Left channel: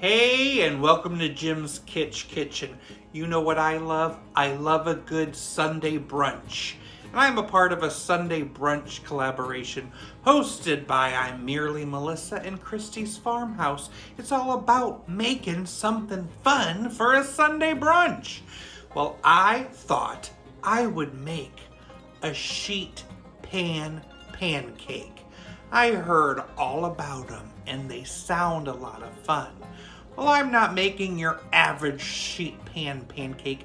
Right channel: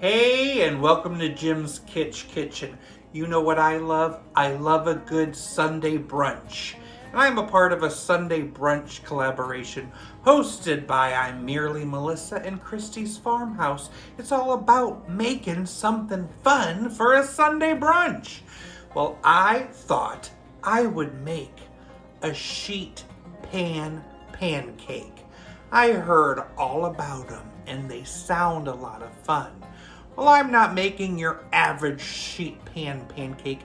Hey, and welcome to Jim's Kitchen. You know what I love? I love a good Sunday brunch. And I'm a part of a Sunday Brunch collaboration hosted by I'm Merely Melissa and Christy's Farmhouse. It's all about making something fun for a Sunday brunch. Well, I thought I would make a sheet pan pancake. I heard all about them and they sound a lot of fun. Well, I'm not making your average sheet pan pancake.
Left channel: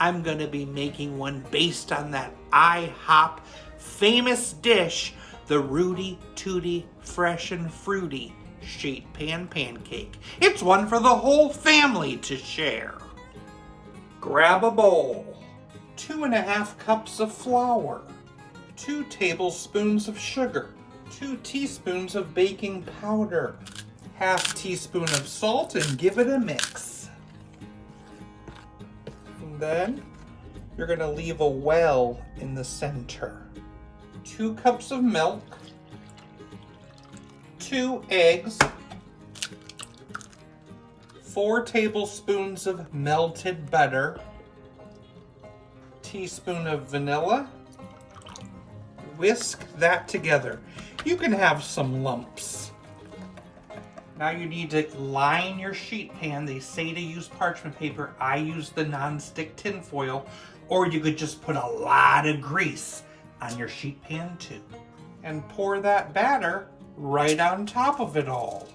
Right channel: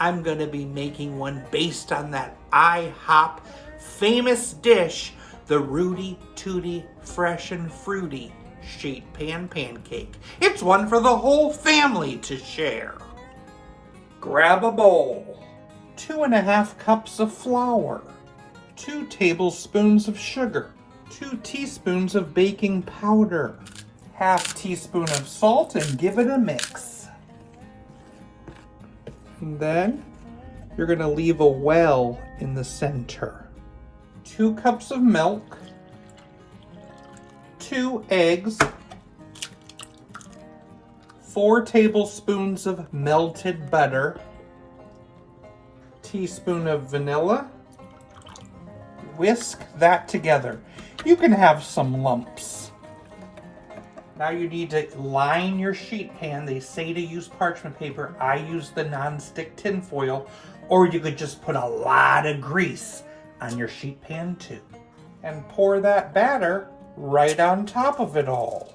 I'm going to be making one based on that IHOP famous dish, the Rooty Tooty Fresh and Fruity sheet pan pancake. It's one for the whole family to share. Grab a bowl, 2.5 cups of flour, 2 tablespoons of sugar, 2 teaspoons of baking powder, half teaspoon of salt, and give it a mix. And then you're going to leave a well in the center. 2 cups of milk, 2 eggs, 4 tablespoons of melted butter, teaspoon of vanilla. Whisk that together. You can have some lumps. Now you need to line your sheet pan. They say to use parchment paper. I use the non-stick tin foil, or you could just put a lot of grease on your sheet pan too. And pour that batter right on top of it all.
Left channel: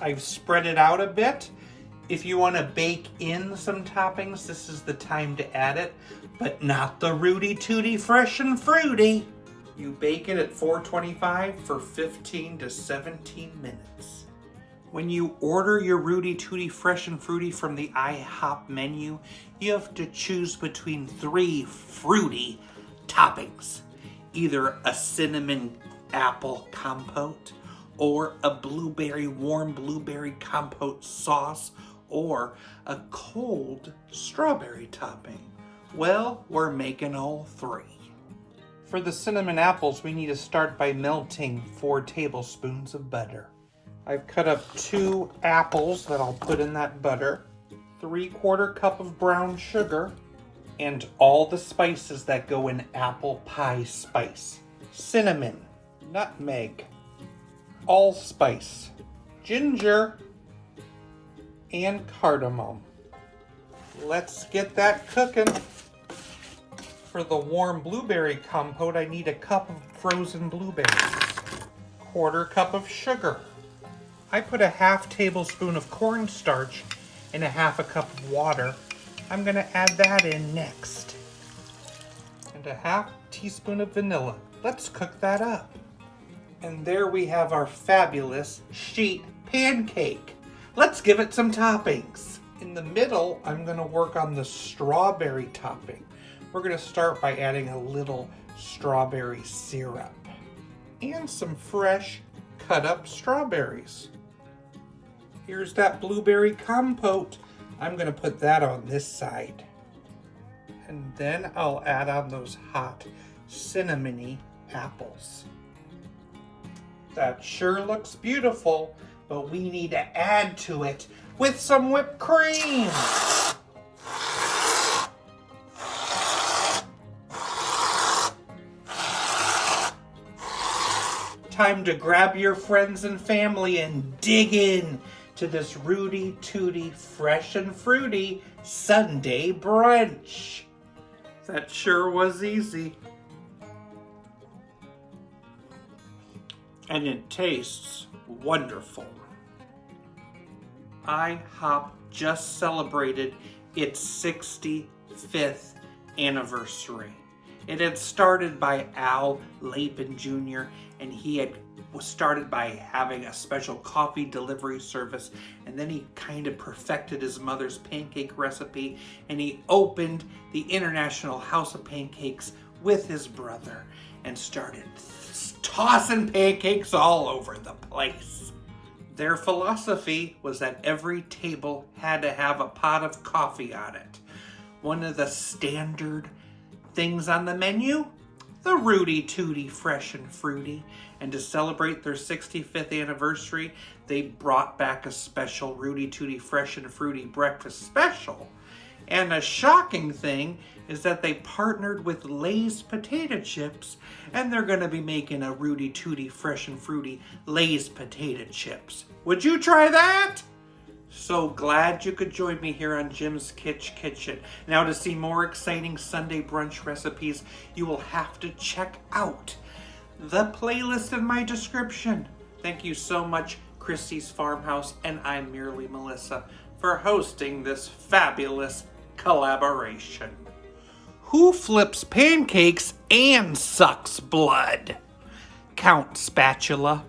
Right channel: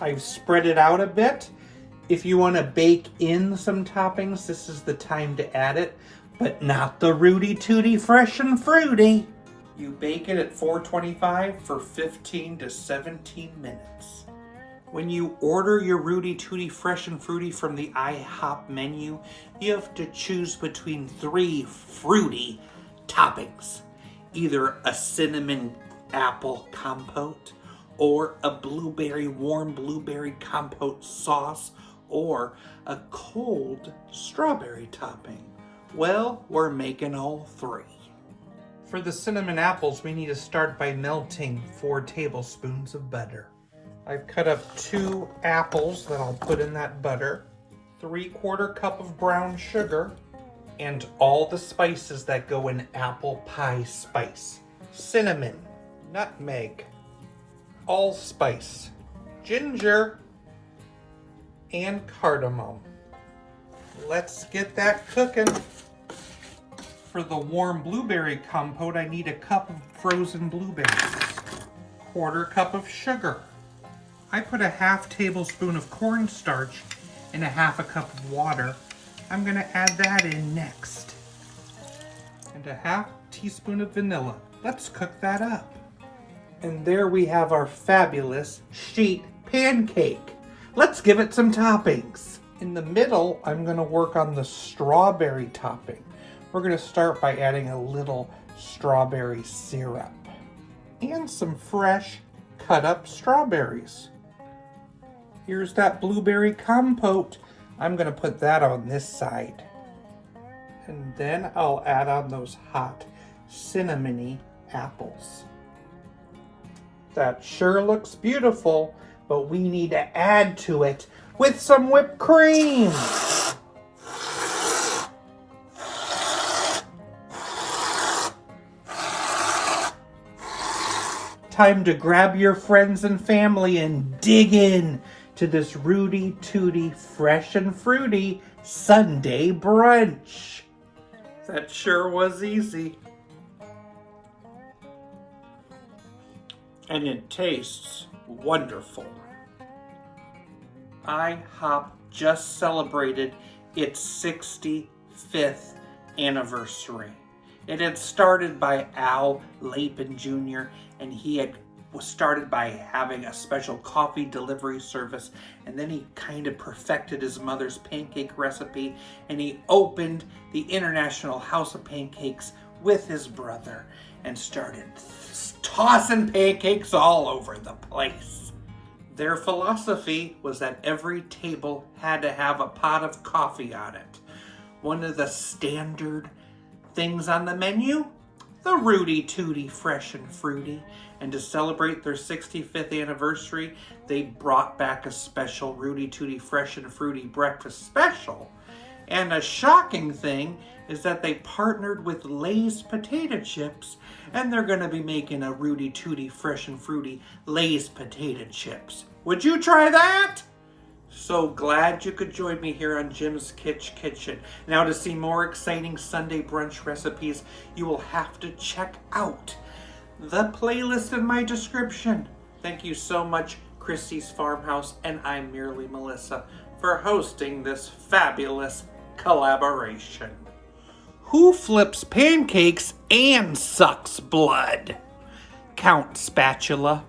I've spread it out a bit. If you want to bake in some toppings, this is the time to add it, but not the Rooty Tooty Fresh and Fruity. You bake it at 425 for 15 to 17 minutes. When you order your Rooty Tooty Fresh and Fruity from the IHOP menu, you have to choose between 3 fruity toppings. Either a cinnamon apple compote, or a warm blueberry compote sauce, or a cold strawberry topping. Well, we're making all 3. For the cinnamon apples, we need to start by melting 4 tablespoons of butter. I've cut up 2 apples that I'll put in that butter, 3/4 cup of brown sugar, and all the spices that go in apple pie spice. Cinnamon, nutmeg, allspice, ginger, and cardamom. Let's get that cooking. For the warm blueberry compote, I need a cup of frozen blueberries, 1/4 cup of sugar. I put a 1/2 tablespoon of cornstarch in a 1/2 cup of water. I'm going to add that in next. And a 1/2 teaspoon of vanilla. Let's cook that up. And there we have our fabulous sheet pancake. Let's give it some toppings. In the middle, I'm going to work on the strawberry topping. We're going to start by adding a little strawberry syrup and some fresh cut up strawberries. Here's that blueberry compote. I'm going to put that on this side. And then I'll add on those hot cinnamony apples. That sure looks beautiful, but we need to add to it with some whipped cream. Time to grab your friends and family and dig in to this Rooty Tooty Fresh and Fruity Sunday Brunch. That sure was easy. And it tastes wonderful. IHOP just celebrated its 65th anniversary. It had started by Al Lapin Jr., and he was started by having a special coffee delivery service, and then he kind of perfected his mother's pancake recipe, and he opened the International House of Pancakes with his brother and started tossing pancakes all over the place. Their philosophy was that every table had to have a pot of coffee on it. One of the standard things on the menu, the Rooty Tooty Fresh and Fruity. And to celebrate their 65th anniversary, they brought back a special Rooty Tooty Fresh and Fruity breakfast special. And a shocking thing is that they partnered with Lay's potato chips, and they're going to be making a Rooty Tooty Fresh and Fruity Lay's potato chips. Would you try that? So glad you could join me here on Jim's Kitchen. Now, to see more exciting Sunday brunch recipes, you will have to check out the playlist in my description. Thank you so much, Christy's Farmhouse, and I'm merely Melissa, for hosting this fabulous collaboration. Who flips pancakes and sucks blood? Count Spatula.